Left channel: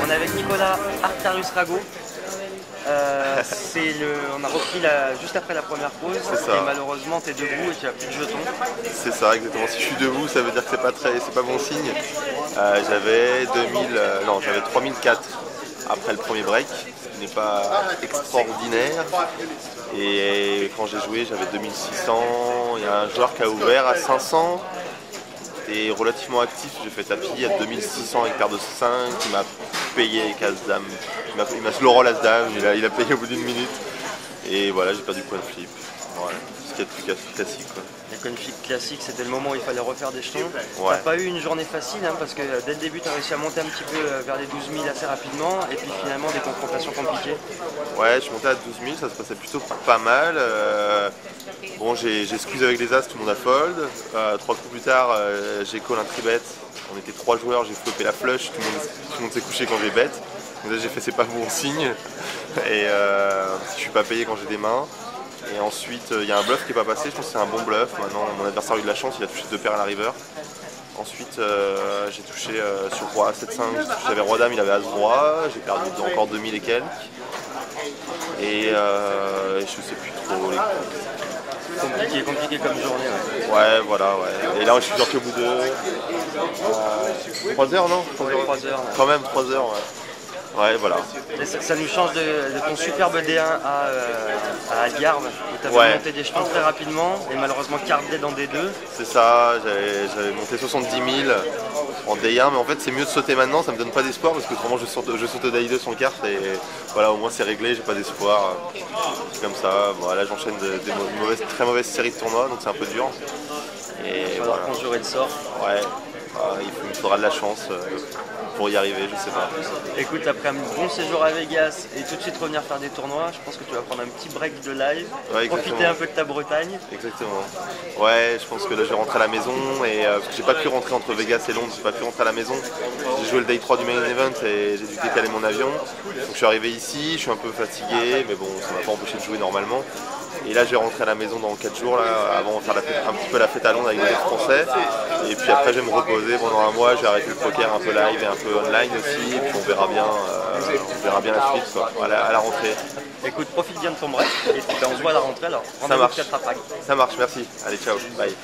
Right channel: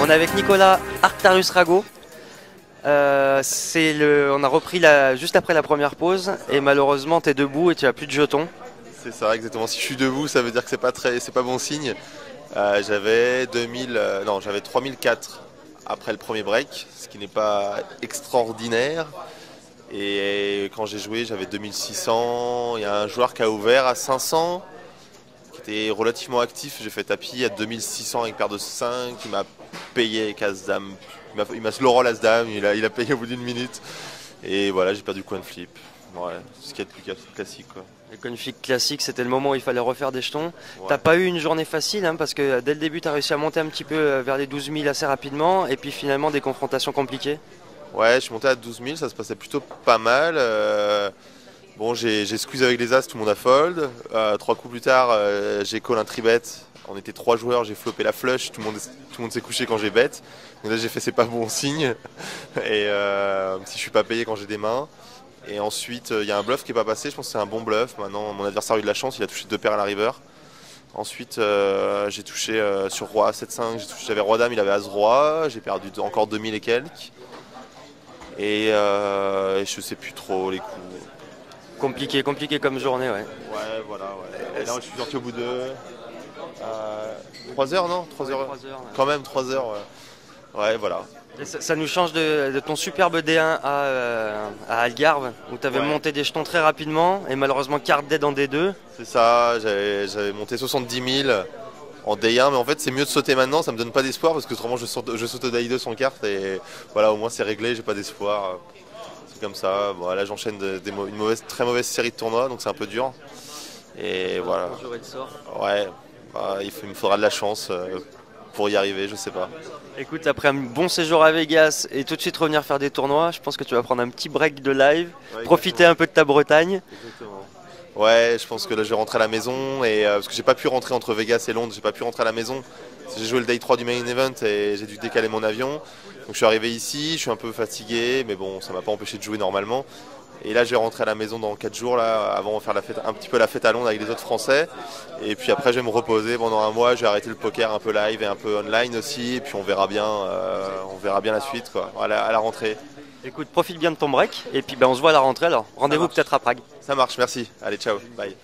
On est avec Nicolas Arctarius Rago. On a repris juste après la première pause et malheureusement tu es debout et tu n'as plus de jetons. C'est ça, exactement. Si je suis debout, ça veut dire que c'est pas bon signe. J'avais 3004 après le premier break, ce qui n'est pas extraordinaire. Et quand j'ai joué, j'avais 2600. Il y a un joueur qui a ouvert à 500. Et relativement actif, j'ai fait tapis à 2600 avec paire de 5, il m'a payé avec As-Dame, il m'a slow roll As-Dame, il a payé au bout d'une minute. Et voilà, j'ai perdu coin flip. Ouais, ce qui est le plus classique, quoi. Les coin flip classiques, c'était le moment où il fallait refaire des jetons. Ouais. T'as pas eu une journée facile, hein, parce que dès le début, tu as réussi à monter un petit peu vers les 12 000 assez rapidement, et puis finalement des confrontations compliquées. Ouais, je suis monté à 12 000, ça se passait plutôt pas mal. Bon, j'ai squeeze avec les As, tout le monde a fold. 3 coups plus tard, j'ai call un tribet. On était 3 joueurs, j'ai flopé la flush, tout le monde s'est couché quand j'ai bet. Donc là, j'ai fait c'est pas bon signe. Et si je suis pas payé quand j'ai des mains. Et ensuite, il y a un bluff qui n'est pas passé, je pense que c'est un bon bluff. Maintenant, mon adversaire a eu de la chance, il a touché 2 paires à la river. Ensuite, j'ai touché sur roi 7-5, j'avais roi dame, il avait as roi, j'ai perdu encore 2000 et quelques. Et je sais plus trop. Compliqué comme journée, ouais. Ouais, voilà, ouais. Et là, je suis sorti au bout de 3 heures, non 3 heures. Quand même, 3 heures, ouais. Ouais, voilà. Et ça nous change de ton superbe D1 à Algarve, où tu avais monté des jetons très rapidement, et malheureusement carte dead en D2. C'est ça, j'avais monté 70 000 en D1, mais en fait c'est mieux de sauter maintenant, ça me donne pas d'espoir, parce que autrement je saute d'A2 sans carte, et voilà, au moins c'est réglé, j'ai pas d'espoir. C'est comme ça, voilà, j'enchaîne des très mauvaises séries de tournois, donc c'est un peu dur. Et voilà. Conjurer le sort. Ouais, il me faudra de la chance pour y arriver, je sais pas. Écoute, après un bon séjour à Vegas et tout de suite revenir faire des tournois, je pense que tu vas prendre un petit break de live, profiter un peu de ta Bretagne. Exactement. Ouais, je pense que là je vais rentrer à la maison, et parce que j'ai pas pu rentrer entre Vegas et Londres, j'ai pas pu rentrer à la maison. J'ai joué le day 3 du main event et j'ai dû décaler mon avion. Donc je suis arrivé ici, je suis un peu fatigué, mais bon, ça m'a pas empêché de jouer normalement. Et là, je vais rentrer à la maison dans 4 jours, là, avant de faire un petit peu la fête à Londres avec les autres Français. Et puis après, je vais me reposer pendant un mois. J'ai arrêté le poker un peu live et un peu online aussi. Et puis on verra bien la suite, quoi, à la rentrée. Écoute, profite bien de ton break. Et puis on se voit à la rentrée alors. Rendez-vous peut-être à Prague. Ça marche, merci. Allez, ciao, bye.